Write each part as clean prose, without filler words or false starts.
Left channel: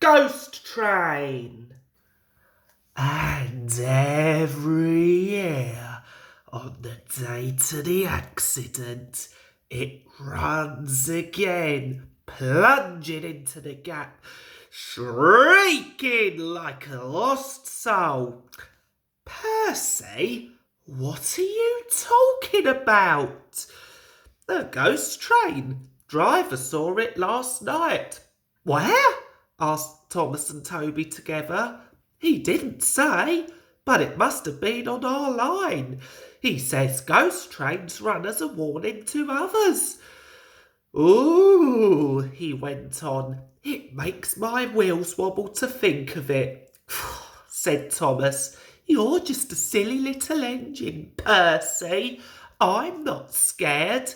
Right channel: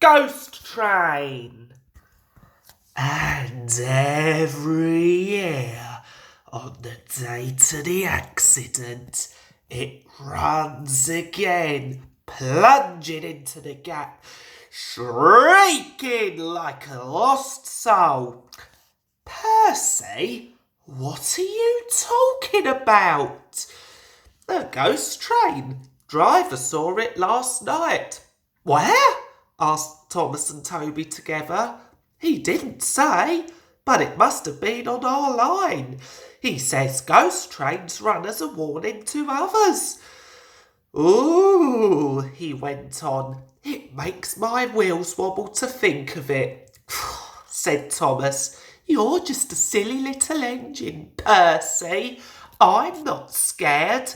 Ghost Train. And every year, on the date of the accident, it runs again, plunging into the gap, shrieking like a lost soul. Percy, what are you talking about? The ghost train. Driver saw it last night. Where? Asked Thomas and Toby together. He didn't say, but it must have been on our line. He says ghost trains run as a warning to others. Ooh, he went on. It makes my wheels wobble to think of it, said Thomas. You're just a silly little engine, Percy. I'm not scared.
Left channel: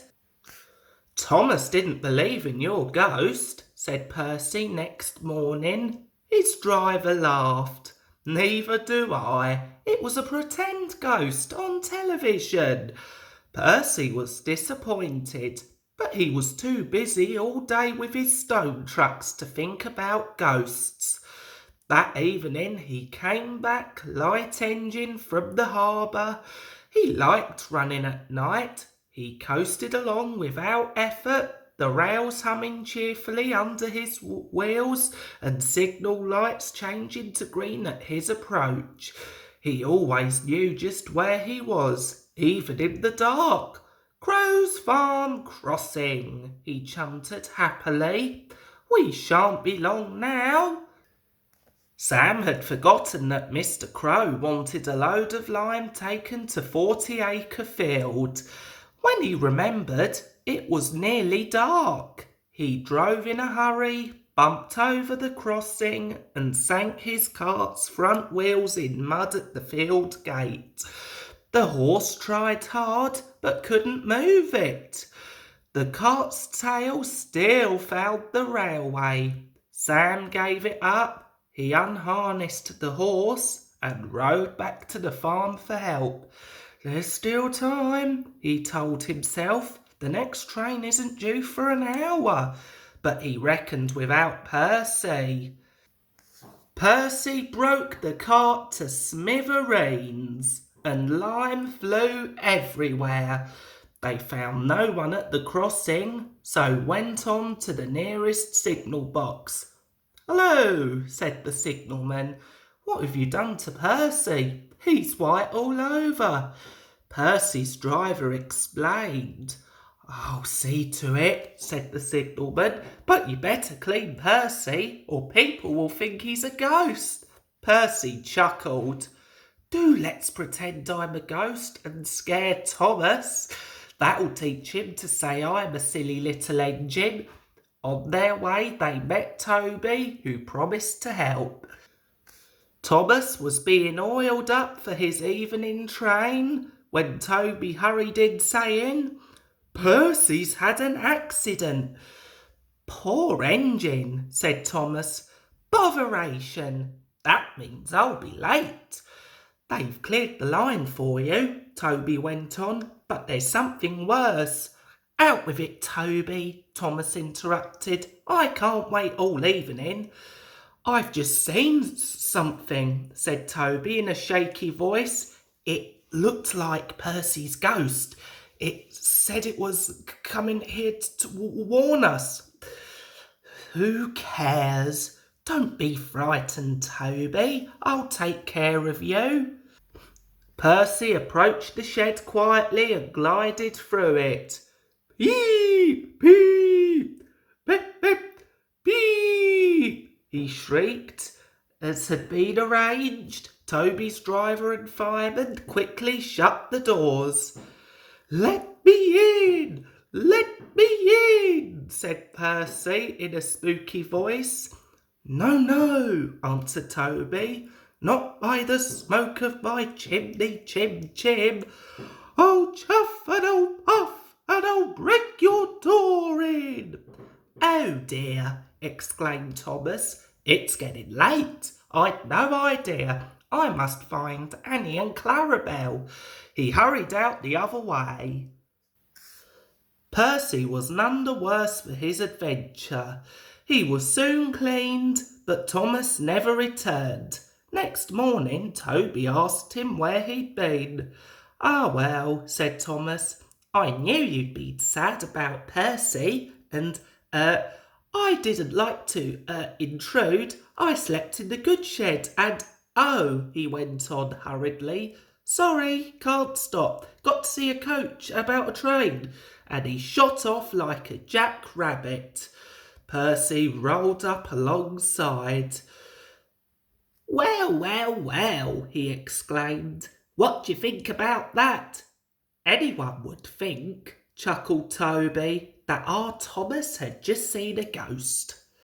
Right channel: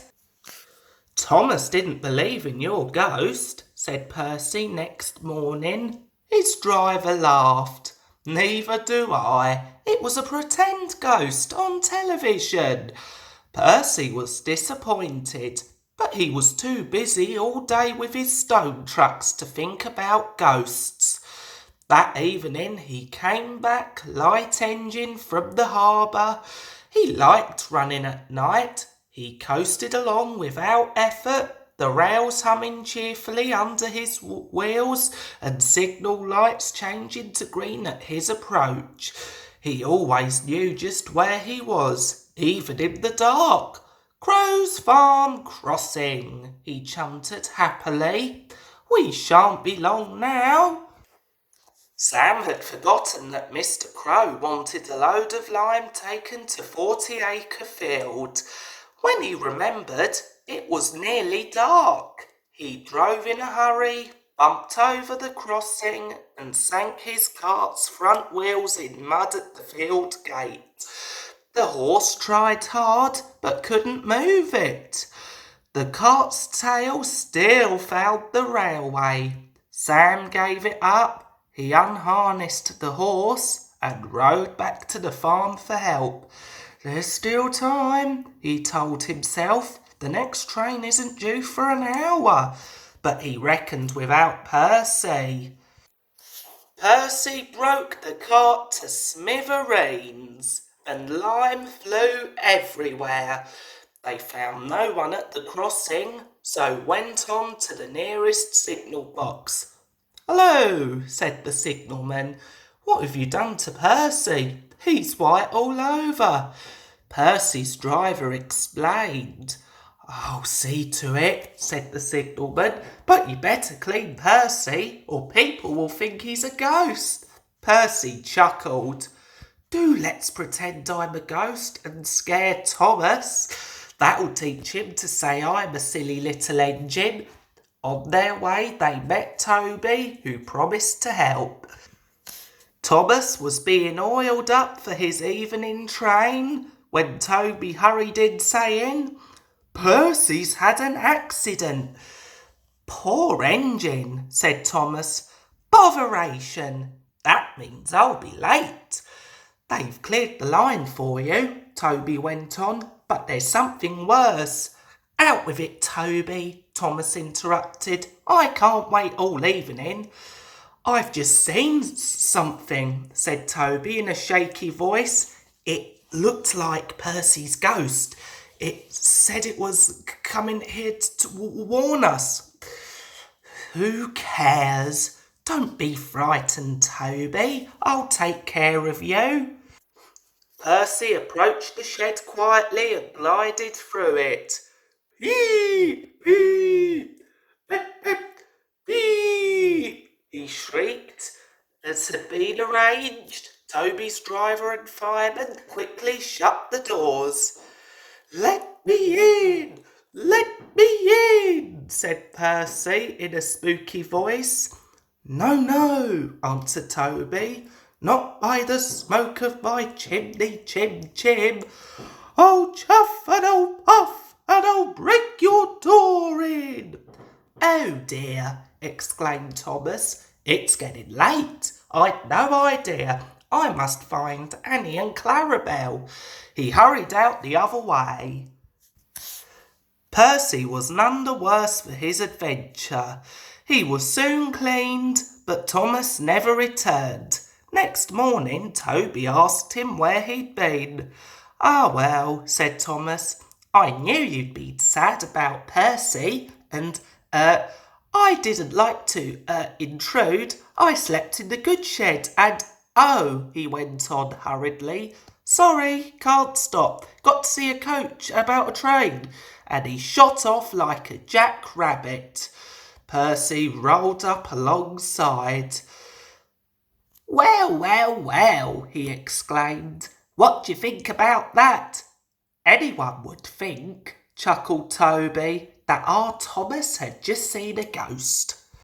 Thomas didn't believe in your ghost, said Percy next morning. His driver laughed. Neither do I. It was a pretend ghost on television. Percy was disappointed, but he was too busy all day with his stone trucks to think about ghosts. That evening he came back light engine from the harbour. He liked running at night. He coasted along without effort, the rails humming cheerfully under his wheels and signal lights changing to green at his approach. He always knew just where he was, even in the dark. Crow's Farm Crossing, he chanted happily. We shan't be long now. Sam had forgotten that Mr. Crow wanted a load of lime taken to 40-acre field. When he remembered, it was nearly dark. He drove in a hurry, bumped over the crossing, and sank his cart's front wheels in mud at the field gate. The horse tried hard, but couldn't move it. The cart's tail still found the railway. Sam gave it up. He unharnessed the horse and rode back to the farm for help. There's still time, he told himself. The next train isn't due for an hour. But he reckoned without Percy. Percy broke the cart to smithereens, and lime flew everywhere. They found no one at the crossing, so went on to the nearest signal box. Hello, said the signalman. What have you done to Percy? He's white all over. Percy's driver explained. I'll see to it, said the signalman, but you better clean Percy, or people will think he's a ghost. Percy chuckled. Do let's pretend I'm a ghost and scare Thomas. That'll teach him to say I'm a silly little engine. On their way, they met Toby, who promised to help. Thomas was being oiled up for his evening train when Toby hurried in saying, Percy's had an accident. Poor engine, said Thomas. Botheration. That means I'll be late. They've cleared the line for you, Toby went on, but there's something worse. Out with it, Toby, Thomas interrupted. I can't wait all evening. I've just seen something, said Toby in a shaky voice. It looked like Percy's ghost. It said it was coming here to warn us. Who cares? Don't be frightened, Toby. I'll take care of you. Percy approached the shed quietly and glided through it. Beep, beep, beep, beep, beep, he shrieked. As had been arranged, Toby's driver and fireman quickly shut the doors. Let me in! Let me in! Said Percy in a spooky voice. No, no, answered Toby. Not by the smoke of my chimney, chim, chim. I'll chuff and I'll puff and I'll break your door in. Oh dear, exclaimed Thomas. It's getting late. I'd no idea. I must find Annie and Clarabel. He hurried out the other way. Percy was none the worse for his adventure. He was soon cleaned, but Thomas never returned. Next morning, Toby asked him where he'd been. "Ah, well," said Thomas, "I knew you'd be sad about Percy, and, I didn't like to, intrude. I slept in the goods shed, and, oh," he went on hurriedly, "sorry, can't stop. Got to see a coach about a train," and he shot off like a jack-rabbit. Percy rolled up alongside. "Well, well, well," he exclaimed. "What do you think about that?" "Anyone would think," chuckled Toby, "that our Thomas had just seen a ghost."